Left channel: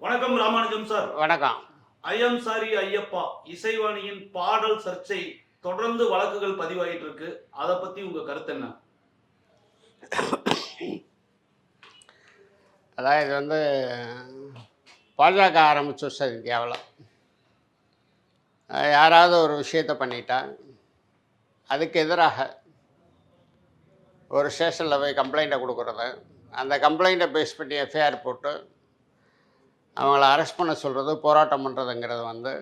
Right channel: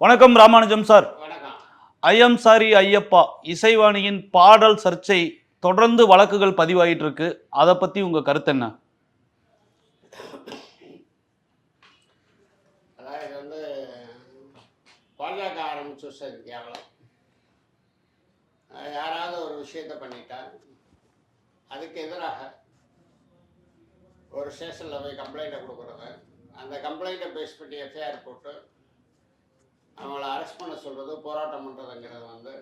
வணக்கம் ராமானுஜம் சார். வணக்கம். ஐயம் சாரி ஐயப்பா இசைவாணியின் பாடல் சர்ச்சை தொடர்ந்து வழக்குகள் பதிவாயிட்டு இருக்கு அதை பத்தி உங்க கருத்து என்ன? அதாவது இது வந்து பாஜக ஆரம்பிச்சு சார் இந்தியாவில் யாராவது ஒரு விஷயத்தை பண்ணிட்டா அதுக்கு எதிராக ஒரு ஸ்டேஷனில் போய் கம்ப்ளைண்ட்டை கொடுக்குறது அந்த கம்ப்ளைண்ட்டை பேஸ் பண்ணி எஃப்ஐஆர் போட்டு அவங்கள அரெஸ்ட் பண்ண சொல்கிறது போராட்டம் பண்ணுறதுங்கிறது வந்து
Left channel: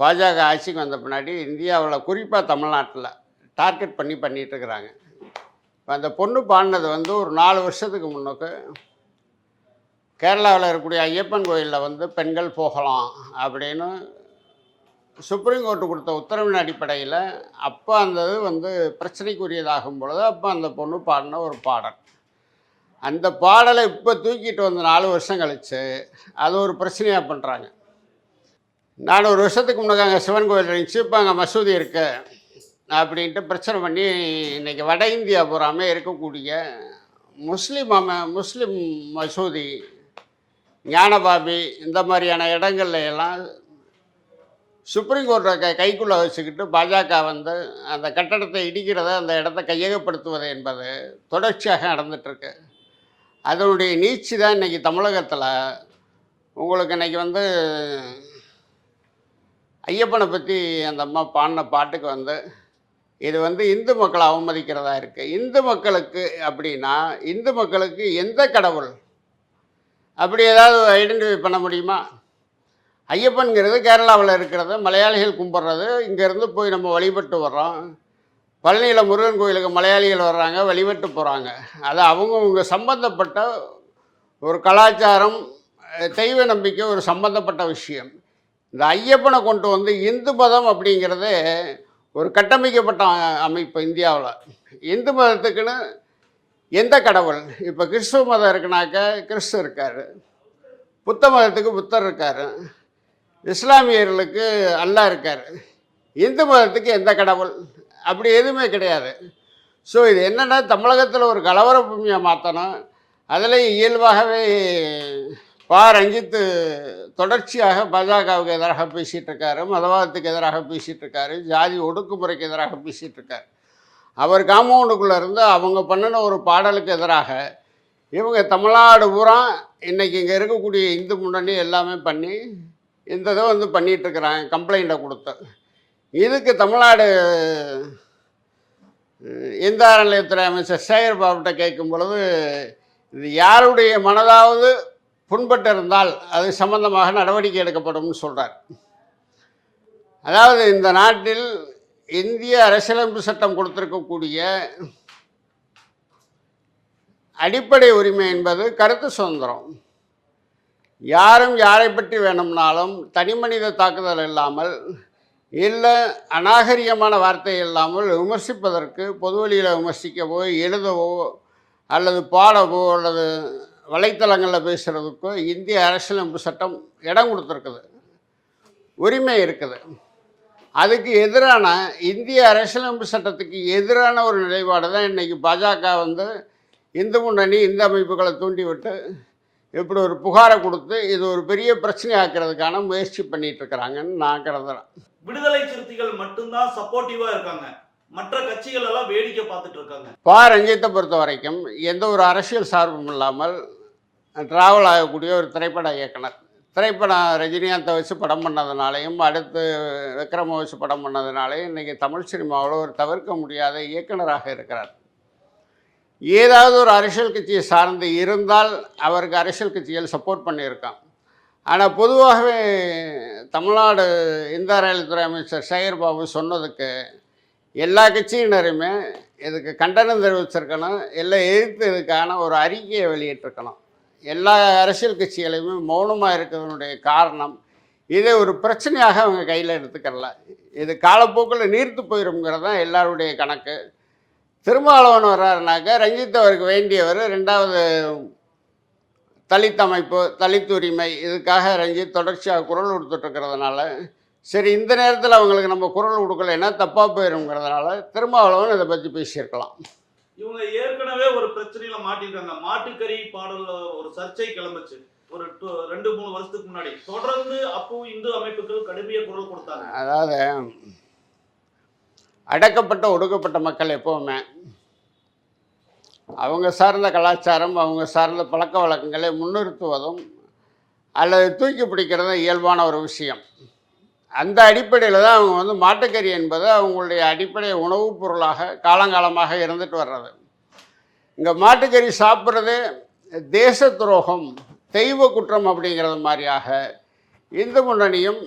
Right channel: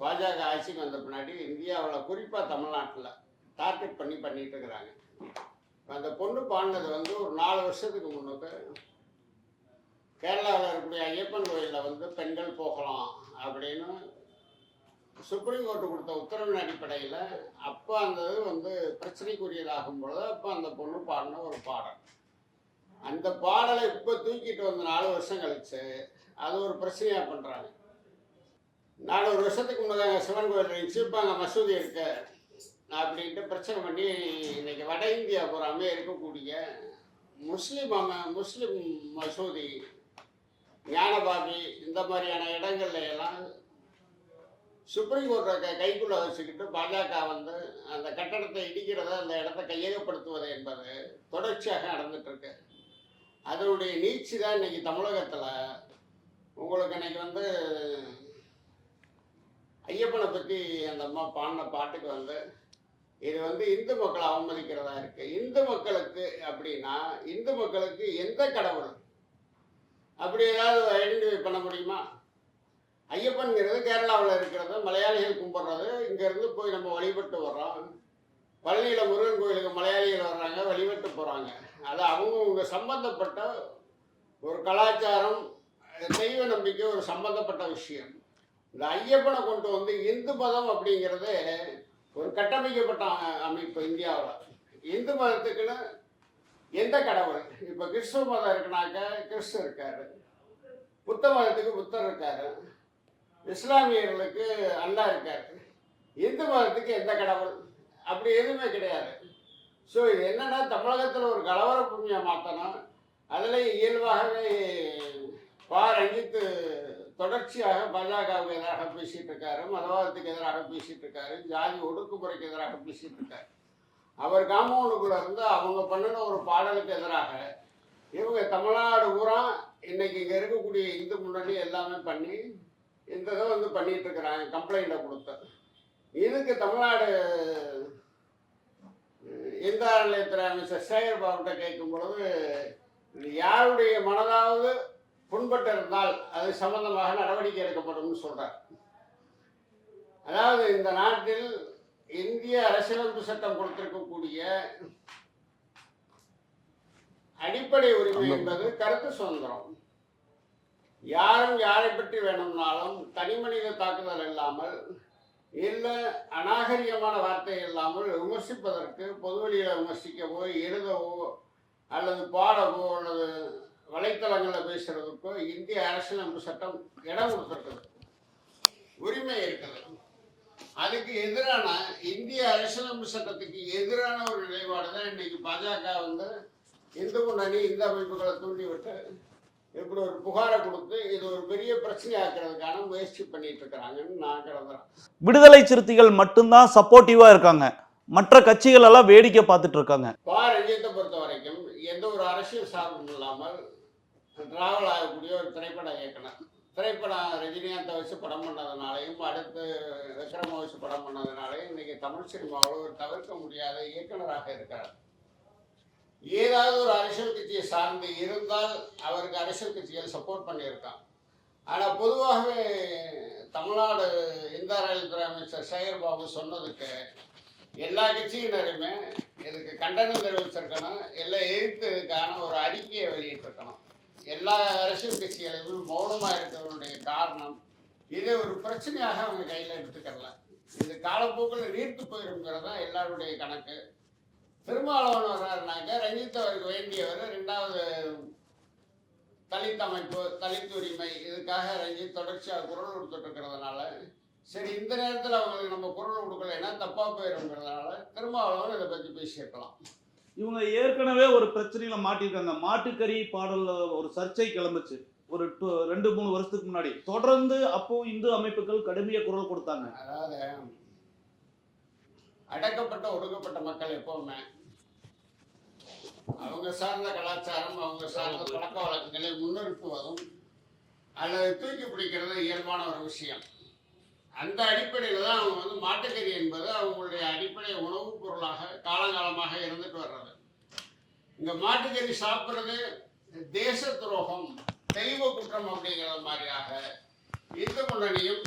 பாஜக ஆட்சிக்கு வந்த பின்னாடி இந்தியாவில் குறிப்பாக தமிழ்நாட்டில் டார்கெட் பண்ணி பண்ணிட்டு இருக்கிறாங்க. இப்போ அந்த பொண்ணு பாடினது வந்து ஒரு நாலு வருஷத்துக்கு முன்னுக்கு கேரளாவில் இருக்கக்கூடிய ஐயப்பன் கோயிலில் வந்து பெண்கள் போகலாம் அப்படின்னு சுப்ரீம் கோர்ட்டு கொடுத்த உத்தரவின் அடிப்படையில் அப்போ அந்த இது வந்து பிரச்சனைக்குரியதாகும் பொழுது அப்போ அந்த பொண்ணு பாடின ஒரு பாடல். அந்த பாடலை இப்போ தூக்கிட்டு வந்து நாலு வருஷம் கழிச்சு அது ஒரு பிரச்சனையாக பண்ணுறாங்க நான் ஒரு வருஷத்துக்கு முன்னாடி அங்கே சிவன் கோயில் இருந்துச்சு இப்போ அங்கே மசூதி இருக்கு அப்படின்ட்டு பிரச்சனை பண்ணி இன்னைக்கு வட இந்தியா பூராமே இருக்கக்கூடிய முஸ்லீம் அம முஸ்லீம் மசூதி ஞானபாபி இந்த மாதிரியான இடங்கள்ல எல்லாம் சுப்ரீம் கோர்ட்டை கைக்குள்ளே வச்சுக்கிட்டு பாஜக வந்து அந்த கட்டடத்தை இடிக்கிறத அந்த இடத்த கையகப்படுத்துவது என்பது தொடர்ச்சியாக நடந்துட்டுருக்கு அதனுடைய நீச்சு தான் இன்றைக்கி தமிழகத்தில். உங்களுக்கு இன்றைக்கி வந்து ஐயப்பனை பற்றி அந்த அம்மா பாடின பாட்டுக்கு வந்து இது வந்து இந்து மக்களை அவமதிக்கிறதா இருக்குது இந்து மக்களுக்கு அப்படின்னா இந்து மக்களுக்கு எந்த கடவுள்? அப்படி ஏதாவது ஐடென்டிஃபை பண்ண முடியுமா? ஐயப்பன்கிறது கேரளாவில் இருக்கிறது மலையாளிகள் கும்பிட்றது இங்கேருந்து போய் நம்ம வழிபட்டு வர்றோம். பழனியில் முருகன் கோயிலுக்கு மலையாளிகள் வர்றாங்க வழிபட்டு போகிறாங்க அது அவங்கவுங்க சம்பந்தப்பட்ட ஒரு கலாச்சாரம் தெய்வ நம்பிக்கை ஒரு சம்பந்தப்பட்ட விஷயம். இந்த ஐயப்பனை கொண்டு வந்து இந்து மதம் அப்படிங்கிறது ஒரு கட்டமைக்கப்பட்ட அமைப்பு இந்தியாவில். இந்து மதத்துக்குன்னு எந்த கடவுள்? இப்போ கிறிஸ்துவ மதம் இருக்குனாக்க கிறிஸ்து இருக்கார். புத்த மதத்துக்கு புத்தர் இருக்கார். இஸ்லாமியர்களுக்கு அல்லாஹ் இருக்கார். இந்து மதத்துக்கு எந்த கடவுள்? அப்படி எதுவுமே கிடையாது. ஸோ இது என்னென்னா தமிழகத்தில் ஒரு கலவர பூமியை மாற்றணும் அதில் இயல்பாகவே பா ரஞ்சித்து தொடர்ச்சியாக பாஜகவுக்கு எதிராக பேசிகிட்டு இருக்காரு மதவாதத்துக்கு எதிராக பேசிகிட்டு இருக்காரு ஜாதி ஒடுக்குமுறைக்கு எதிராக பேசிகிட்டு இருக்காரு. அவர் காம்பவுண்டுக்குள்ளே இருந்து அவங்க பண்ணின ஒரு பாடலுக்கு எதிராக இவங்க தமிழ்நாடு பூரா இன்றைக்கி இங்கே இருக்கக்கூடிய இந்து முன்னணி எல்லாமே பண்ணி இந்த இதை வந்து பண்ணிகிட்ருக்குறாங்க இருக்கிறாங்க கம்ப்ளைண்ட்டை கொடுத்து. இதுக்கு தமிழ்நாடு எந்த நிலையத்துறை அமைச்சர் சேகர் பாபுட்ட கேட்கும் பொழுது இது யாருடைய மனதாவது புண்பட்டிருந்தால் அது சம்பந்தமாக நடவடிக்கை எடுக்கப்படும்னு சொல்கிறார் அதாவது இந்த நாட்டில் இந்திய அரசியலமைப்பு சட்டம் கொடுத்திருக்கக்கூடிய அடிப்படை உரிமை என்பது கருத்து சுதந்திரம். யாரும் யாரை பற்றி வேணும்னாலும் தனி மனித தாக்குதல் இல்லாமல் இல்லை அநாகரிகமான வார்த்தை இல்லாமல் விமர்சிப்பதற்கு பொதுவெளியில் விமர்சிக்கவோ எழுதவோ அல்லது பாடவோ அல்லது வலைத்தளங்களில் பேசுகிறதுக்கோ இந்திய அரசியலமைப்பு சட்டம் இடம் கொடுத்துருக்குது. உரிமை இருக்குது. அதுக்கு எதிரான இந்திய அரசியலமைப்பு சட்டத்துக்கு எதிரான ஒரு நிலைப்பாடு தான் இன்றைக்கி பாஜக வந்து இந்து முன்னணி இந்த அமைப்புகளை தூண்டிவிட்டு இப்படி ஒரு புகாரை கொடுத்து இது ஒரு பெரிய பிரச்சனை ஆக்கிறதுக்கான முயற்சி பண்ணிட்டு இருக்கிறாங்கன்னு நான் கருதுறேன். விடுதலை சிறுத்தைகள் மட்டும்தான் சப்போர்ட்டிவா இருக்காங்க. மற்ற கட்சிகள் எல்லாம் வேடிக்கை பார்த்துட்டு இருக்காங்க பா. ரஞ்சித்தை பொறுத்த வரைக்கும் எந்த ஒரு அரசியல் சார்பும் இல்லாமல் டிராவல் ஆகக்கூடிய ஒரு திரைப்பட இயக்குனர். திரைப்படம் ரஜினிகாந்தை வச்சு படம் பண்ணதுனாலையும் அடுத்து விக்ரம வச்சு படம் பண்ணதுனாலையும் இன்றைக்கி தமிழ் சினிமாவில் ஒரு தவிர்க்க முடியாத இயக்குனராக இருக்கிறார். ஏதாவது ஒரு அரசியல் கட்சியை சார்ந்து இருந்தால் அவருக்கு அரசியல் கட்சிகள் சப்போர்ட் பண்ணியிருக்கான் ஆனால் பொதுவாகவே தமிழ்நாடு இந்து ரயில்துறை அமைச்சர் சேகர் பாபு சொன்னதுக்கு எல்லா கட்சியினருமே இதுக்கு கண்டனம் தெரிவிச்சிருக்கணும் எல்லாம் எதிர்த்து இதுக்கான ஒரு அறிக்கையை வெளியிட்டிருக்கணும். எல்லா அரசியல் கட்சிகளையுமே மௌனமாக இருக்கிறதுனுடைய காரணம் இதை ஒரு பிரச்சனையாக அவங்க கையில் எடுத்துக்கல இது காலப்போக்கில் நீர்த்து போயிருங்கிறது தான் எல்லாருடைய கணக்கு. திருமாவளவன் வர்றாருனாக்க ரஞ்சித் அவருக்கு வேண்டியவர் ரெண்டாவது தலித் அமைப்பு தலித் உரிமை இதுக்காக ரஞ்சித் தொடர்ச்சியாக குரல் கொடுத்துட்ருக்கிறதுனால சரி இந்த நேரத்தில் அவங்களுக்கு நம்ம குரல் கொடுக்கலைன்னா தப்பாக போயிருங்கிறதுனால திருமாவளவன் இதை பற்றி பேசியிருக்கலாம். இவங்க ஏற்கனவே ஒரு பிரச்சனையில மாட்டிருக்காங்க மாட்டுக்கறி பாடல்ல ஒரு சர்ச்சை கிளம்புச்சு. ஒரு ரெண்டு மூணு வருஷத்துக்கு முன்னாடி. தொடர்ந்து அப்போ இந்து அமைப்புகள் கடுமைய குரல் கொடுத்தாங்க. அதாவது அடக்கப்பட்ட ஒடுக்கப்பட்ட மக்கள் எப்போவுமே அவங்க சார்ந்த கலாச்சாரம் அவங்க சார்ந்த பழக்க வழக்கங்களை முன்னிறுத்துவதும் அல்லது தூக்கி பிடிக்கிறதும் இயல்பான ஒரு விஷயம். அந்த அடிப்படையில் தான் அவங்க வந்து மாட்டுக்கறி என்பது அவங்களுடைய அடிப்படை உணவுப் பொருளாக காலங்காலமாக இருந்துட்டு வர்றது. இங்கே மாட்டுக்கறி சாப்பிட்றது தேச துரோகம் தெய்வ குற்றம் அப்படிங்கிறது மாதிரியாக இந்து முன்னணியும்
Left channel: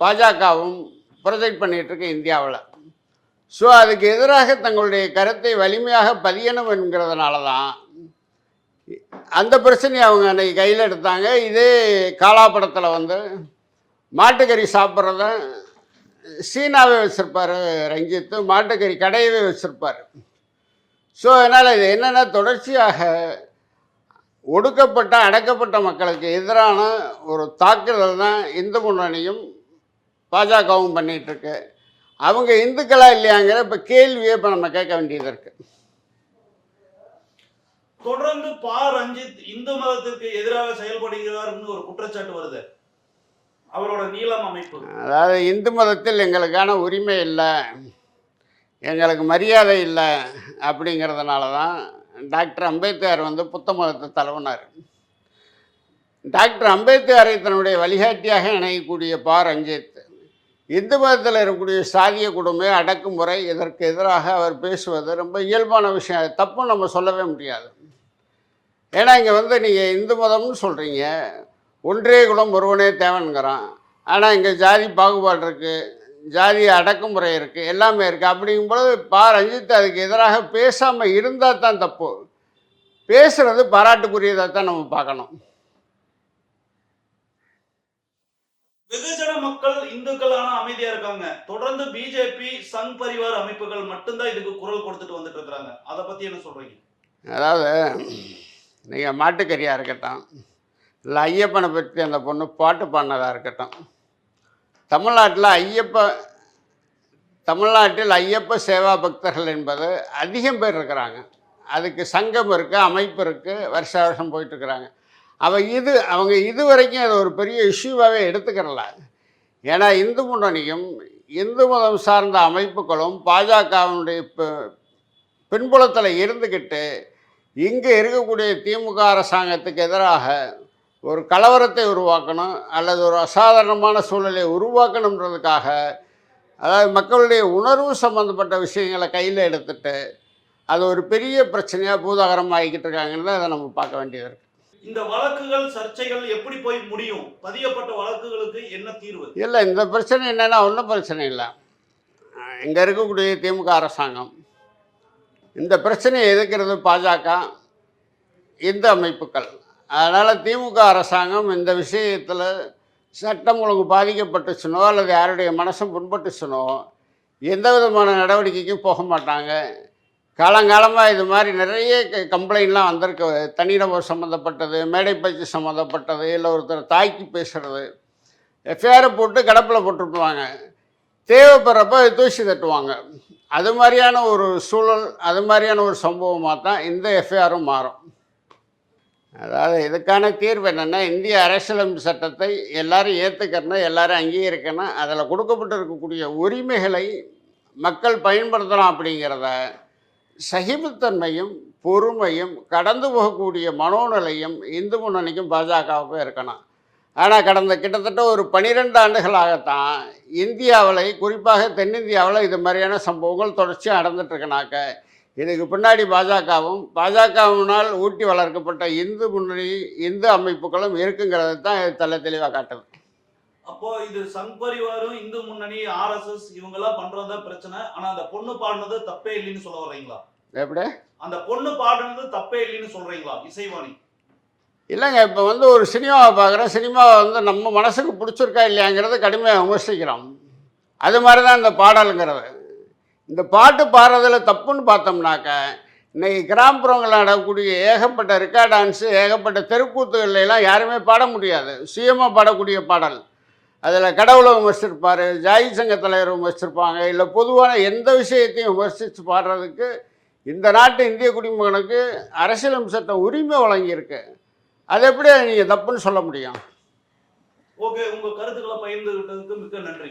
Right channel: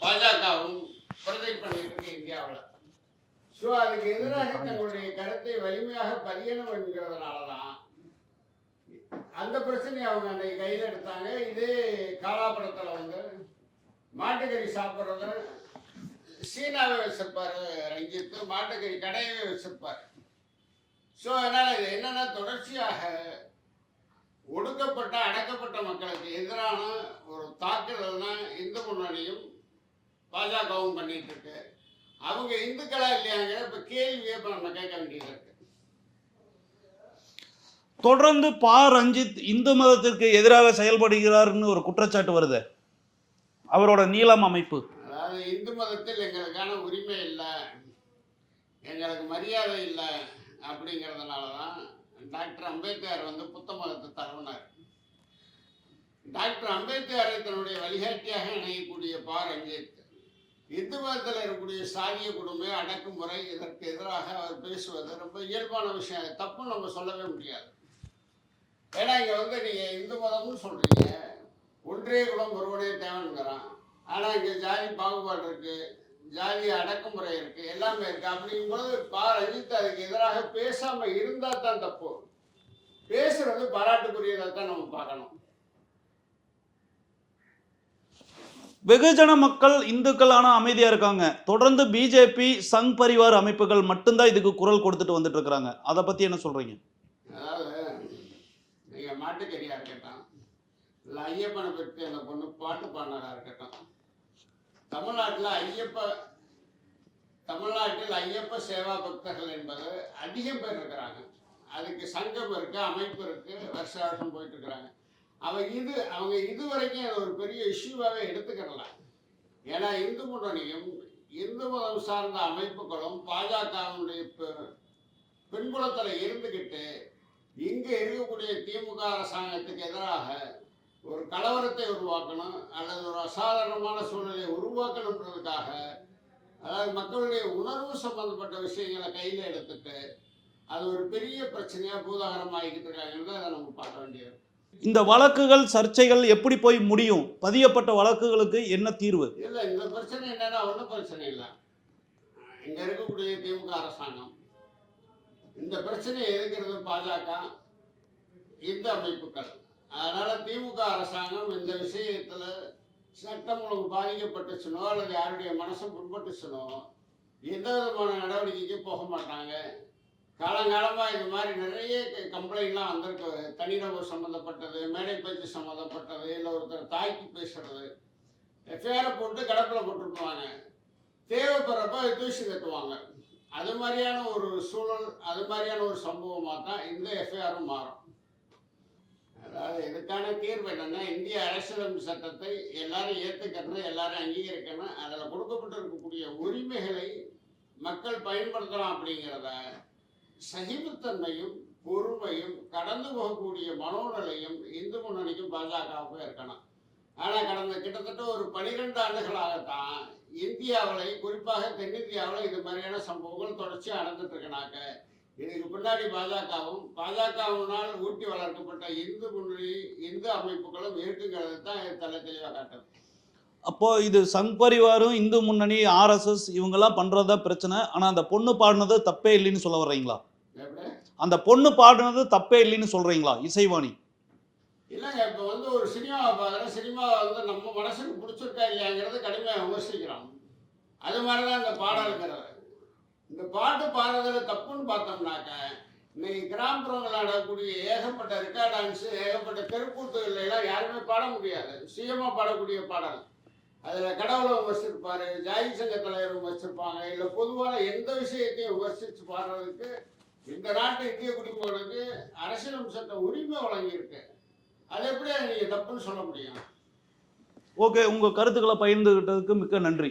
பாஜகவும் ப்ரொஜெக்ட் பண்ணிகிட்ருக்கு இந்தியாவில். ஸோ அதுக்கு எதிராக தங்களுடைய கருத்தை வலிமையாக பதியணும் என்கிறதுனால தான் அந்த பிரச்சனையை அவங்க அன்றைக்கி கையில் எடுத்தாங்க. இதே காலாப்படத்தில் வந்து மாட்டுக்கறி சாப்பிட்றத சீனாவே வச்சுருப்பார் ரஞ்சித்து. மாட்டுக்கறி கடையவே வச்சுருப்பார். ஸோ அதனால் இது என்னென்னா தொடர்ச்சியாக ஒடுக்கப்பட்ட அடக்கப்பட்ட மக்களுக்கு எதிரான ஒரு தாக்குதல் தான் இந்து முன்னணியும் பாஜகவும் பண்ணிகிட்ருக்கு அவங்க இந்துக்களா இல்லையாங்கிற இப்போ கேள்வியை இப்போ நம்ம கேட்க வேண்டியது இருக்கு. தொடர்ந்து பா ரஞ்சித் இந்து மதத்திற்கு எதிராக செயல்படுகிறார்னு ஒரு குற்றச்சாட்டு வருது. அவரோட நீளம் அமைப்பு. அதாவது இந்து மதத்தில் எங்களுக்கான உரிமை இல்லை எங்களுக்கு மரியாதை இல்லை அப்படிங்கிறதுனால தான் டாக்டர் அம்பேத்கர் வந்து புத்த மதத்தை தழுவினார். டாக்டர் அம்பேத்கரை தன்னுடைய வழிகாட்டியாக இணையக்கூடிய பா ரஞ்சித் இந்து மதத்தில் இருக்கக்கூடிய சாதிய கொடுமை அடக்குமுறை இதற்கு எதிராக அவர் பேசுவது ரொம்ப இயல்பான விஷயம். அது தப்பும் நம்ம சொல்லவே முடியாது. ஏன்னா இங்கே வந்து நீங்கள் இந்து மதம்னு சொல்கிறீங்க ஒன்றே குலம் ஒருவனே தேவைங்கிறான் ஆனால் இங்கே ஜாதி பாகுபாடு இருக்குது ஜாதி அடக்குமுறை இருக்குது எல்லாமே இருக்குது அப்படிங்கும்போது பா. ரஞ்சித் அதுக்கு எதிராக பேசாமல் இருந்தால் தான் தப்பு. பேசுகிறது பாராட்டுக்குரியதாக தான் நம்ம பார்க்கணும். வெகுஜன மக்கள் இந்துக்களான அமைதியா இருக்காங்க. தொடர்ந்து பிஜேபி சங் பரிவார் அமைப்புகள் மட்டும்தான் இதுக்கு குரல் கொடுத்துட்டு வந்துட்டு இருக்கிறாங்க. அதை பத்தி என்ன சொல்றீங்க? அதாவது நீங்கள் மாட்டுக்கறியாக இருக்கட்டும் இல்லை ஐயப்பனை பற்றி அந்த பொண்ணு பாட்டு பாடினதாக இருக்கட்டும் தமிழ்நாட்டில் ஐயப்ப தமிழ்நாட்டில் ஐயப்ப சேவா பக்தர்கள் என்பது அதிகம் பேர் இருக்கிறாங்க. அதுக்கு சங்கம் இருக்குது அமைப்பு இருக்குது வருஷ வருஷம் போயிட்டுருக்குறாங்க அவன் இது அவங்க இது வரைக்கும் அதை ஒரு பெரிய இஷ்யூவாகவே எடுத்துக்கிறல. ஏன்னா இந்து முன்னணியும் இந்து மதம் சார்ந்த அமைப்புகளும் பாஜகவினுடைய பின்புலத்தில் இருந்துக்கிட்டு இங்கே இருக்கக்கூடிய திமுக அரசாங்கத்துக்கு எதிராக ஒரு கலவரத்தை உருவாக்கணும் அல்லது ஒரு அசாதாரணமான சூழலை உருவாக்கணுன்றதுக்காக அதாவது மக்களுடைய உணர்வு சம்மந்தப்பட்ட விஷயங்களை கையில் எடுத்துட்டு அது ஒரு பெரிய பிரச்சனையாக பூதாகரம் ஆகிக்கிட்டு இருக்காங்கன்னு தான் அதை நம்ம பார்க்க வேண்டியது இருக்குது இந்த வழக்குகள் சர்ச்சைகள் எப்படி போய் முடியும்? பதியப்பட்ட வழக்குகளுக்கு என்ன தீர்வு? இல்லை இந்த பிரச்சனை என்னென்னா ஒன்றும் பிரச்சனை இல்லை. இங்கே இருக்கக்கூடிய திமுக அரசாங்கம். இந்த பிரச்சனையை எதிர்க்கிறது பாஜக. இந்த அமைப்புகள். அதனால் திமுக அரசாங்கம் இந்த விஷயத்தில் சட்டம் ஒழுங்கு பாதிக்கப்பட்டுச்சுனோ அல்லது யாருடைய மனசும் புண்பட்டுச்சுனோ எந்த விதமான நடவடிக்கைக்கும் போக மாட்டாங்க. காலங்காலமாக இது மாதிரி நிறைய கம்ப்ளைண்ட்லாம் வந்திருக்கு. தனிநபர் சம்மந்தப்பட்டது மேடை பேச்சு சம்மந்தப்பட்டது இல்லை ஒருத்தர் தாக்கி பேசுகிறது எஃப்ஐஆரை போட்டு கடப்பில் போட்டுருப்பாங்க தேவைப்படுறப்ப தூசி தட்டுவாங்க. அது மாதிரியான ஒரு சூழல் அது மாதிரியான ஒரு சம்பவமாக தான் இந்த எஃப்ஐஆரும் மாறும். அதாவது இதுக்கான தீர்வு என்னென்னா இந்திய அரசியலமைப்பு சட்டத்தை எல்லாரும் ஏற்றுக்கணும் எல்லாரும் அங்கீகரிக்கணும். அதில் கொடுக்கப்பட்டு இருக்கக்கூடிய உரிமைகளை மக்கள் பயன்படுத்தலாம் அப்படிங்கிறத சகிப்புத்தன்மையும் பொறுமையும் கடந்து போகக்கூடிய மனோநிலையும் இந்து முன்னணிக்கும் பாஜகவுக்கும் இருக்கணும். ஆனால் கடந்த கிட்டத்தட்ட ஒரு பனிரெண்டு ஆண்டுகளாகத்தான் இந்தியாவில் குறிப்பாக தென்னிந்தியாவில் இது மாதிரியான சம்பவங்கள் தொடர்ச்சியாக நடந்துட்டுருக்கனாக்க இதுக்கு பின்னாடி பாஜகவும் பாஜகவினால் ஊட்டி வளர்க்கப்பட்ட இந்து முன்னணி இந்து அமைப்புகளும் இருக்குங்கிறது தான் இது தலை தெளிவாக காட்டுது. அப்போது இது சங் பரிவாரும் இந்து முன்னணி ஆர்எஸ்எஸ் இவங்கெல்லாம் பண்ணுறதா பிரச்சனை. ஆனால் அந்த பொண்ணு பாடினது தப்பே இல்லைன்னு சொல்ல வர்றீங்களா? எப்படி? அந்த பொண்ணு பாடினது தப்பே இல்லைன்னு சொல்றீங்களா? இசைவாணி. இல்லைங்க இப்போ வந்து ஒரு சினிமாவை பார்க்குறோம் சினிமாவை வந்து நம்ம மனசுக்கு பிடிச்சிருக்கா இல்லையாங்கிறத கடுமையாக விமர்சிக்கிறோம். அது மாதிரி தான் இந்த பாடலுங்கிறது. இந்த பாட்டு பாடுறதுல தப்புன்னு பார்த்தோம்னாக்க இன்னைக்கு கிராமப்புறங்களில் நடக்கக்கூடிய ஏகப்பட்ட ரிக்கா டான்ஸு ஏகப்பட்ட தெருக்கூத்துகள்ல எல்லாம் யாருமே பாட முடியாது. சுயமாக பாடக்கூடிய பாடல். அதில் கடவுளை விமர்சிச்சிருப்பார் ஜாதி சங்க தலைவர் விமர்சிச்சிருப்பாங்க. இல்லை பொதுவான எந்த விஷயத்தையும் விமர்சித்து பாடுறதுக்கு இந்த நாட்டு இந்திய குடிமகனுக்கு அரசியலமைப்பு சட்டம் உரிமை வழங்கியிருக்கு. அது எப்படி நீங்கள் தப்புன்னு சொல்ல முடியும்? ஓகே உங்க கருத்துக்களை பகிர்ந்துகிட்டதுக்கு மிக்க நன்றி.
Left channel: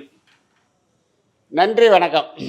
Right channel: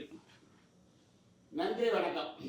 நன்றி வணக்கம்.